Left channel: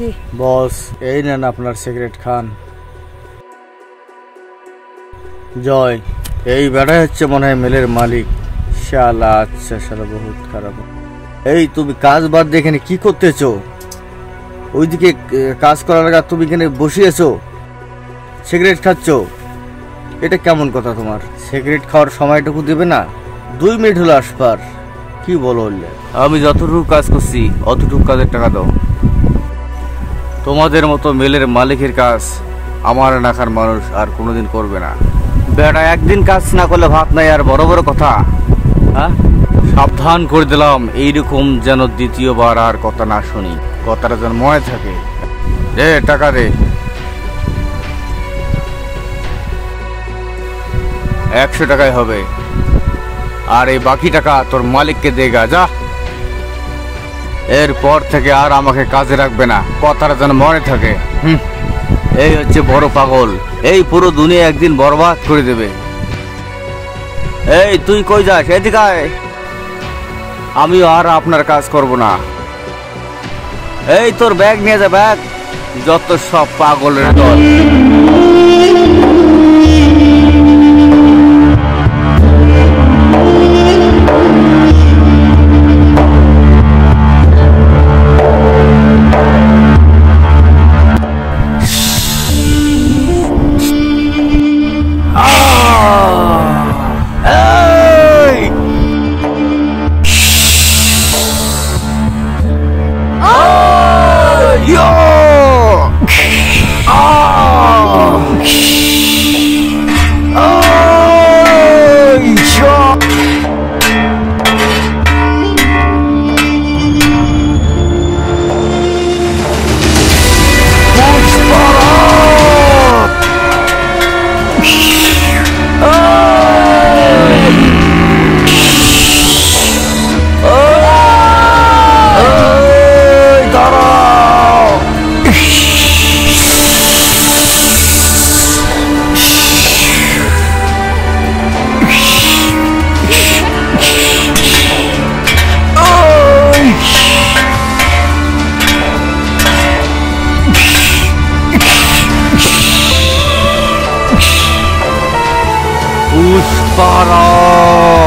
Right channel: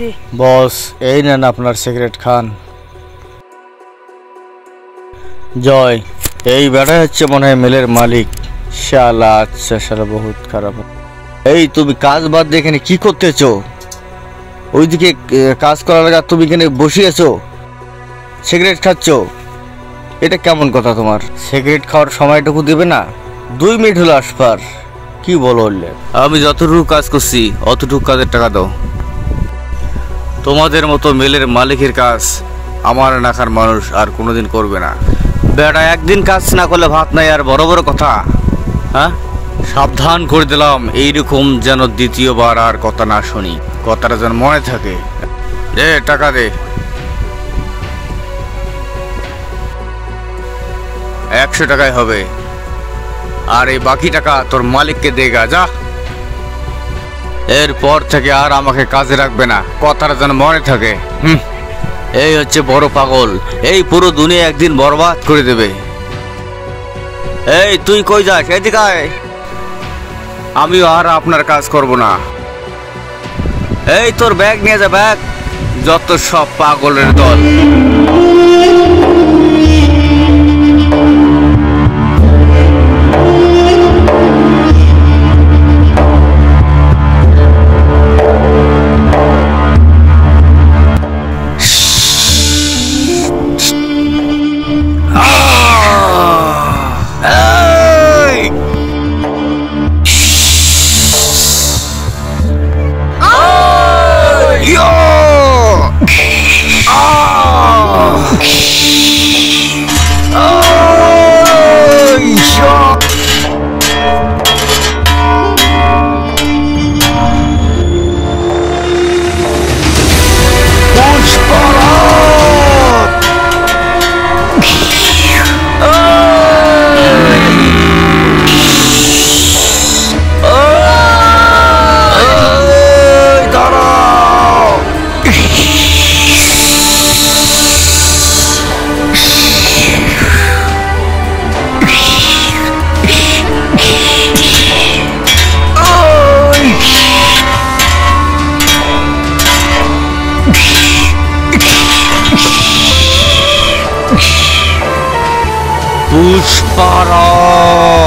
জি বস, এই নেন আপনার সিগারেট খান। জয়, এই বেটা হচ্ছে মনে হয় মেলের মালিক। শালা, আচ্ছা শালা বহুত খারাপ। এই তুমি কাজ বাদ দিয়ে এখানে কি করতেছো? ওইদিকে কাজ করার আগে তুমি এখানে বসিয়েছো, সিগারেট খাচ্ছ। এটা কেমন কথা তোমার? সিগারেট খাওয়ার সময়টুকু দেবে না? 2 মিনিট হলো আসবার। কি বলো? আমি যতটুকু কাজ করছি অতটুকু কাজের টাকা দাও। তোমাদের মতো মেলের মালিকের কাজ আমার এলাকার মানুষ আর কোনোদিন করবে না। বেটা একদিন কাজ না করলে ভাত নাই, আর বড় বড় কথা। হ্যাঁ, সাবধান করে দিলাম, এইরকম যেন দ্বিতীয়বার আর কথা না শুনি। কথাটা যেন মনে থাকে। দে টাকা দে। 100 টাকায় হবে, আর এই বাকি টাকা তোর মালিককে দেগা যা। এরপর থেকে আর আমাকে কাজে রাখবে না, কথাটা যেন মনে থাকে। এই হচ্ছে বড় পাগল, এই পুরো দুনিয়া একদিন বরবাদ করে দেবে। এই তুই কই যাস? এদিকে আয়। আমিও আর আপনার কাজ করব না। এই তোর ব্যাগ নিয়ে যা, ব্যাগ। যত সব পাগলের দল। পুষ্পারাজ।